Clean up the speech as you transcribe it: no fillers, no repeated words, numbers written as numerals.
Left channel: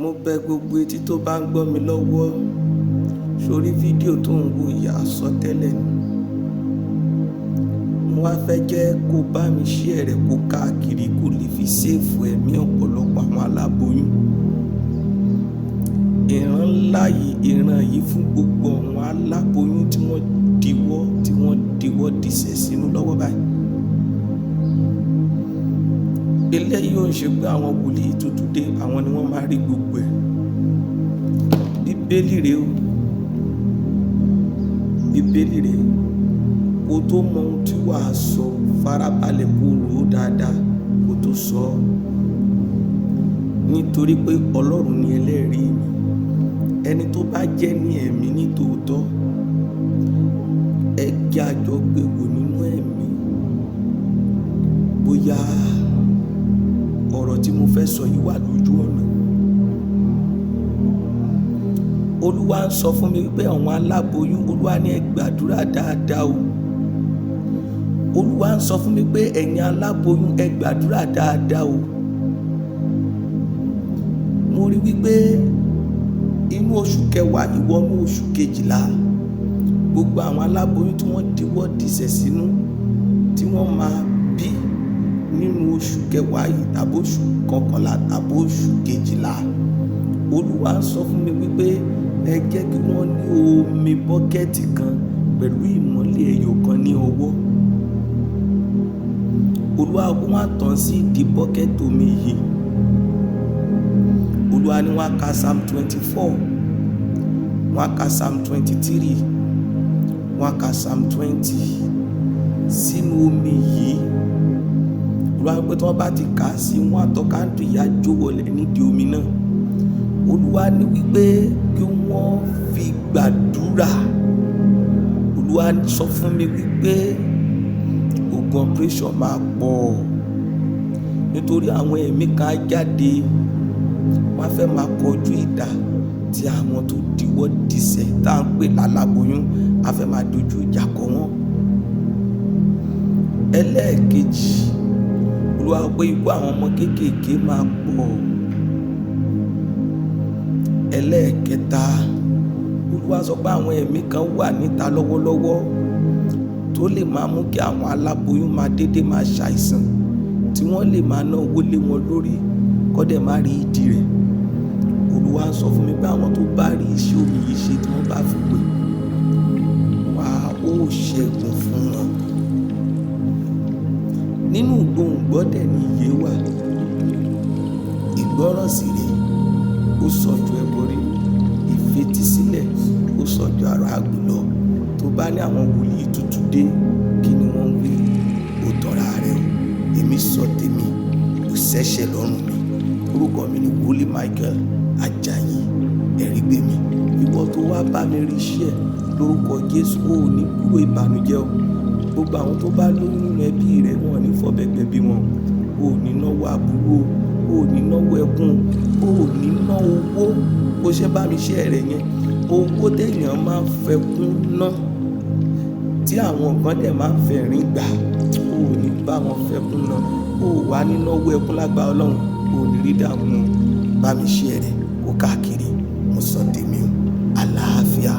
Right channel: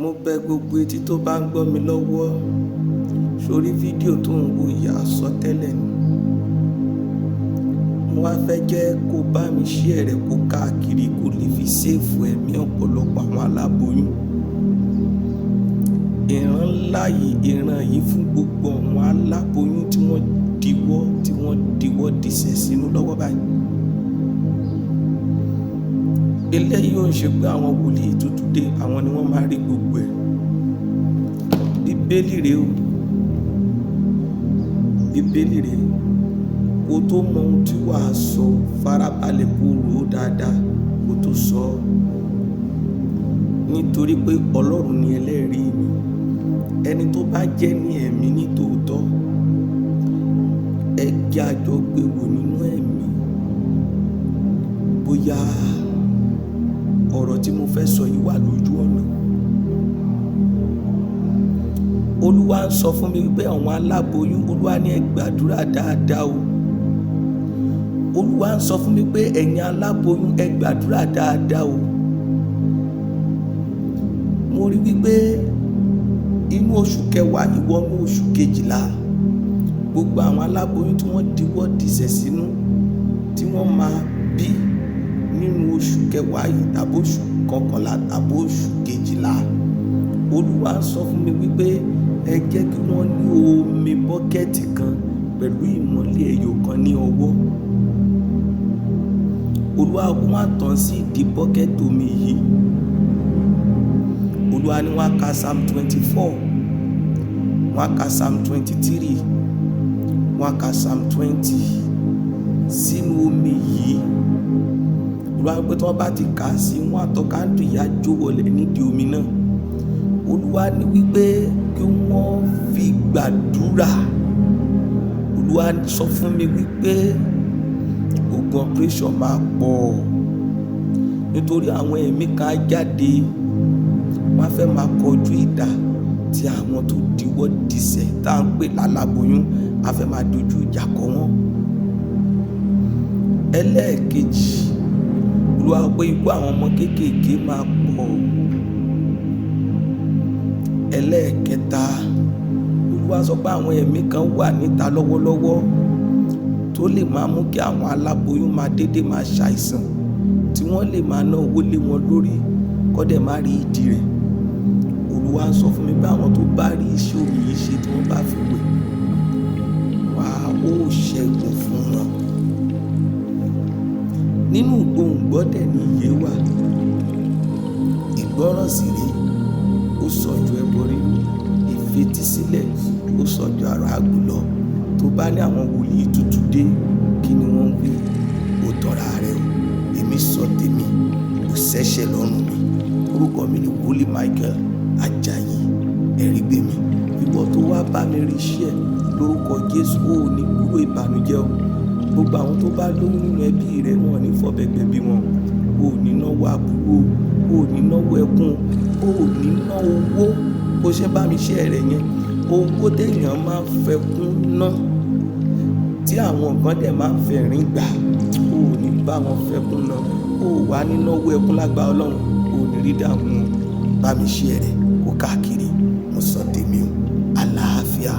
Mo bẹ̀ gbogbo etí tó bá ń gbọ́ mi lọ́wọ́, sórí fídíò tó ń wo yìí àsọtẹ́lẹ̀ ni. Mo wá fẹ́ jẹ́ kó bá mi share rẹ̀ kó káàkiri kó lè fi save ẹ̀mí ọ̀pọ̀lọpọ̀ àwọn aláboyún. Ìran ńlá yìí, ìran yìí fún gbogbo àwọn aláboyún tí wọ́n diwọ́ disẹ̀ sínú lọ́wọ́ báyìí. Eléyìí ò ń ṣe pé àwọn wòlíì tuntun dé, àwọn ni wọ́n máa rí gbogbo ẹ̀. Bíbélì rèé o, bíbélì rèé. Kó tó mọ ohun tí wàá sọ, farabalẹ̀ kó rò ó dáadáa kó tó sọ ọ́. Nítorí pé Ọlọ́run ni ẹlẹ́rìí mi. Ẹni tó bá jẹ́ ní ẹ̀mí ní tòótọ́, ẹ jẹ́ a jọ gbé wò nínú ẹ̀mí. Bóyá ọ̀rọ̀ tí mo fẹ́ sọ yìí wà lójú ọ̀nà. Olúwa ń sọ fún mi wípé àwọn aláboyún, Olúwa ní ẹ gbàdúrà dáadáa o. Olúwa ń sọ fún mi pé ẹ̀yin aláboyún ẹ gbàdúrà dáadáa o. Mo rí wípé inú oṣù kẹwàá ìwọnú oṣù kejìlá, gbogbo àwọn aláboyún tí wọ́n diwọ́ disẹ̀ sínú tí wọ́n máa bí nínú oṣù kẹwàá yìí tàbí oṣù kọkànlá tàbí oṣù kejìlá, Olúwa ń sọ fún mi wípé ẹ jẹ́ kí wọ́n ní omi bọ́kẹ́ẹ̀tì kan pẹ̀lú ìmọ́lẹ̀ ẹyọ kan ní ọwọ́. Olúwa wá tàn sí ìdí bọ́kẹ́ẹ̀tì omi yìí. Olúwa ní wọ́n á ka Psalm 24, wọ́n á ka Psalm 23, wọ́n á ka Psalm 20 sínú omi yìí. Olúwa pé tí wọ́n bá ti kà á sí, wọ́n á tọ́ káńdù ìyá jó wọlé nídìí omi náà. Olúwa ní wípé kí wọ́n fi gbàdúrà. Olúwa sọ fún mi wípé ogun operation máa pọ̀ nítorí àwọn ẹ̀mí kan jáde, wọ́n á fẹ́ máa kọjú ìdá tí àwọn tó diwọ́ disẹ̀ tá à ń pè láláboyún á fẹ́ máa dojú ìjà kọ wọ́n. Ẹlẹ́ẹ̀kejì, Olúwa pé ikú àwọn ọmọ kéékèèké máa pọ̀. Ẹlẹ́ẹ̀kẹta, Olúwa sọ pé àwọn ẹ̀mí kan wà níta lọ́wọ́lọ́wọ́ tó lè máa mú kí àwọn aláboyún máa dédé máa ṣàìsàn, tí wọ́n lè máa ná owó lé wọn lórí kọ́dẹ̀ má rí ìdí rẹ̀. Olúwa sọ fún mi pé àwọn tó bá rí iṣẹ́ omi yìí ṣe tí wọ́n bá fi wẹ̀, wà ó ṣẹ́gun fún wọn. Nínú gbòǹgbọ́dẹ̀ ni ìyè wà. Ìgbọ́ràn sì rèé, ó sàn ju ẹbọ rírú. Ìfetísílẹ̀ ó sàn ju àrà àgbò lọ. Tó bá ní àwọn wòlíì tuntun dé, kí ni wọ́n wí? Ó tọ̀ra rẹ̀ o. Èmi sọ tèmi, kò ṣẹ̀ṣẹ̀ lọ́rùn mi. Orúkọ mi ni Wòlíì Michael Ajayi Ẹ̀rígbémi. Ìwọ tó wá bá mi rí iṣẹ́ lórúkọ Jésù, ó ní gbúrò ìbànújẹ́ o. Gbogbo àwọn tó bá lóyún nínú ẹbí rẹ̀, wọn ò ní fọ̀bẹ̀gbẹ̀ bí wọn. O ò ní náwó àbúrò, o ò ní náwó ẹkún, o ò ní ná owó. Bó ṣe bá mi share rẹ̀ yẹn, owó téèyàn máa ń fẹkún ná tí àwọn kan dẹ̀ máa ń fẹ̀rín gbà, o ò ní bá wọn fẹkún ná. O ò wá ní náwó ẹkún lágbára Ọlọ́run, o ò ní rí dààmú. Bá mi share rẹ̀ kó káàkiri. Mo sọ tèmi o. Àlàáfíà.